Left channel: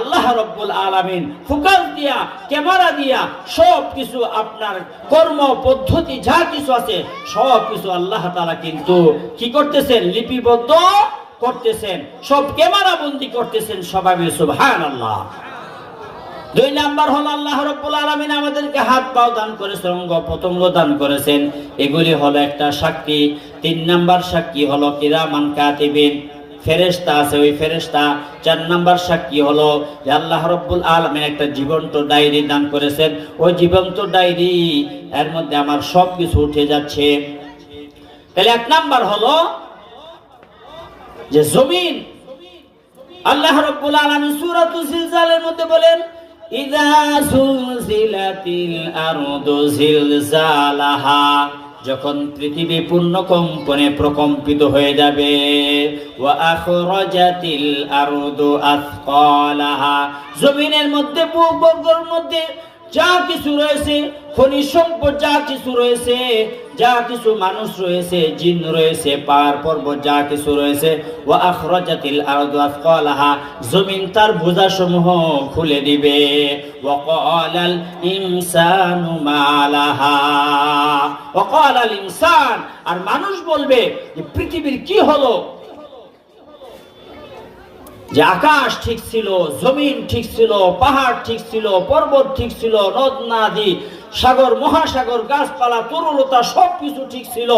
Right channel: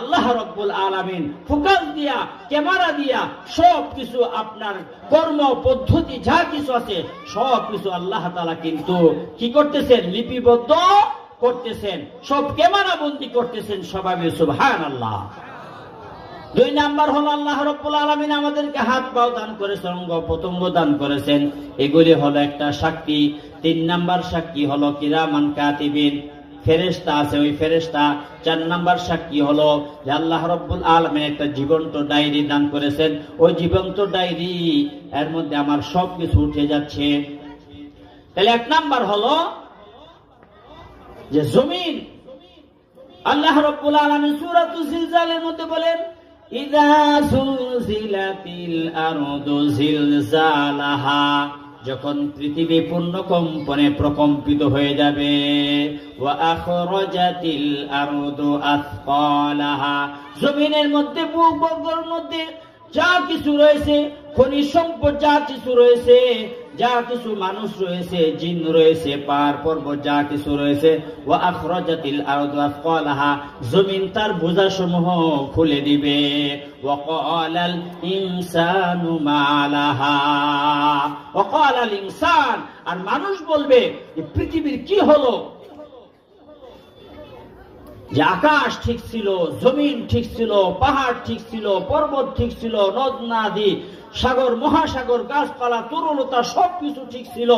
আল্লাহ রাব্বুল আলামিন ফোকাস দিয়া, ক্যামেরা দিয়া সব কিছু আপনার কর্ম পদ্ধতি যা কিছু আছে সব কিছু আল্লাহ তাআলা কিন্তু কি করতেছেন, লিপিবদ্ধ করতেছেন, সব ক্যামেরা বন্দী করতেছেন। সবাই সুবহানাল্লাহ। দুই নাম্বার হলো আল্লাহ রাব্বুল আলামিন আমাদেরকে হাত পাও দান করেছেন, অঙ্গ প্রত্যঙ্গ দান করেছেন, এগুলি হলো একটা সাক্ষী। তিন নাম্বার সাক্ষী হলো কিরামান কাতিবিন, ফেরেশতা আছে, ওই ফেরেশতা। চার নাম্বার সাক্ষী হলো যে আল্লাহ রাব্বুল আলামিন একটা জীবন্ত ডায়েরি দান করেছেন, ওই জীবন্ত ডায়েরি এর মধ্যে আমার সব কিছু উঠে যাচ্ছে। তাহলে এক নাম্বার হলো যে জমিন। আল্লাহ রাব্বুল আলামিন সূরাতুল জিলজালের মধ্যে বলেন, ইযা সুলজিলাতিল আরদু জিলজালাহা, যখন পৃথিবী পূর্ণ কম্পনে প্রকম্পিত হয়ে যাবে। ওয়া আখরাজাতিল আরদু আথকালাহা, জমিনের মধ্যে ভূগর্ভের মধ্যে যা কিছু রয়েছে, খনিজ সম্পদ যা কিছু রয়েছে, যা কিছু মানুষ রয়েছে, জিন রয়েছে, পাহাড় পর্বত যা কিছু রয়েছে, ওয়া আখরাজাতিল আরদু আথকালাহা, জমিন তার বোঝাসমূহ খুলে দিবে। ওয়া ক্বালাল ইনসানু মা লাহা, ওয়া ক্বালাল ইনসান, আর মানুষ বলবে যে পৃথিবীর কি হলো, যে আকাশ ঠিক ছিল, জমিন ঠিক ছিল, পাহাড় ঠিক ছিল, পর্বত ঠিক ছিল, নদ নদী, সাগর মহাসাগর, গাছপালা, তরুলতা সবকিছু ঠিক ছিল।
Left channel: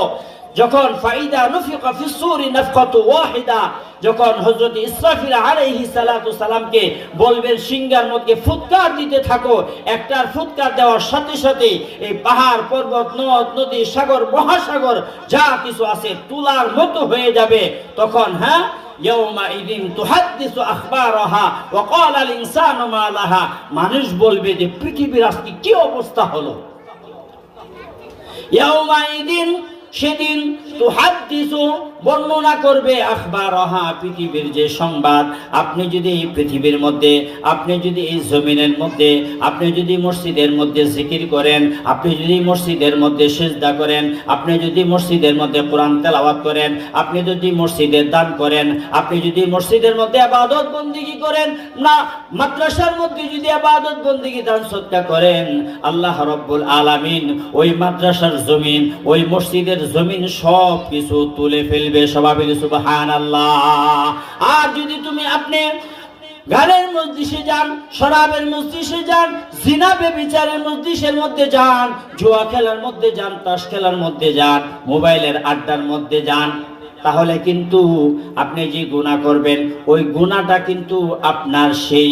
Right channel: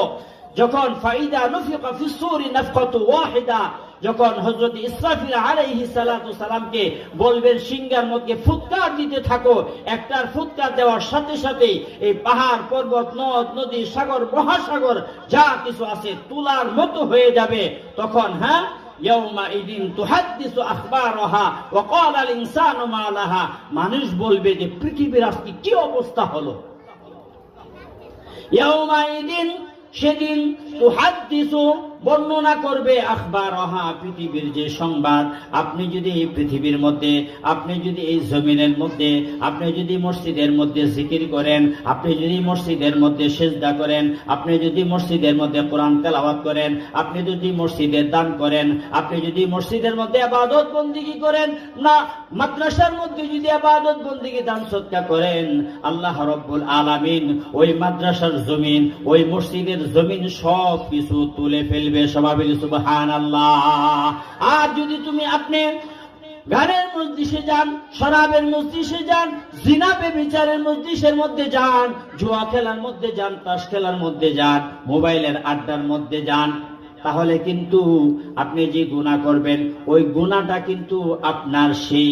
যখন ফাইদা নুফিকা ফিস সূরি নাফকাতু ওয়াহিদা, যখন হযরত ইসরাফিল আলাইহিস সালাতু সালামকে বলবেন সিংহার মধ্যে ফুৎকার দিতে থাকো, একটার ফুৎকার দেওয়ার সাথে সাথে এই পাহাড় পর্বত নদ নদী সাগর মহাসাগর যা কিছু আছে তুলার মতো হয়ে যাবে। তখন ইয়াউমাইদিন তুহাদ্দিসু আখবারাহা ওয়া ক্বালাল ইনসানু মা লাহা, মানুষ বলবে যে পৃথিবীর আজকে কি অবস্থা হলো। ইয়াউমাইদিন, সেদিন, তুহাদ্দিসু, বর্ণনা করবে, আখবারাহা, পৃথিবীর যে সংবাদ। আপনি যদি এই পৃথিবীর মধ্যে, আপনি যদি এই জমিনের মধ্যে, আপনি যদি মসজিদের মধ্যে জিকির করেন, আপনি যদি মসজিদের মধ্যে সিজদা করেন, আপনি যদি মসজিদের মধ্যে কোরআন তেলাওয়াত করেন, আপনি যদি মসজিদের দান করেন, আপনি যদি মসজিদের মধ্যে ইবাদত বন্দেগী করেন, না মাদ্রাসার মধ্যে যদি ইবাদত বন্দেগী দান সদকা করেন, আল্লাহ রাব্বুল আলামিন ওই মাদ্রাসার জমিন, ওই মসজিদের জমিন সব কিছু তুলে ফেলবে। সবাই বলি সুবহানাল্লাহ। আর যদি আপনি গানের মজলিসে যান, শরাবের মজলিসে যান, জিনা ব্যভিচারের মজলিসের মধ্যে যান, জুয়া খেলার মধ্যে যান, তাস খেলার মধ্যে যান, মোবাইলের আড্ডার মধ্যে যান, তাহলে কিন্তু আপনি যে গুনাহ করবেন ওই গুনাহটা কিন্তু আপনার সেই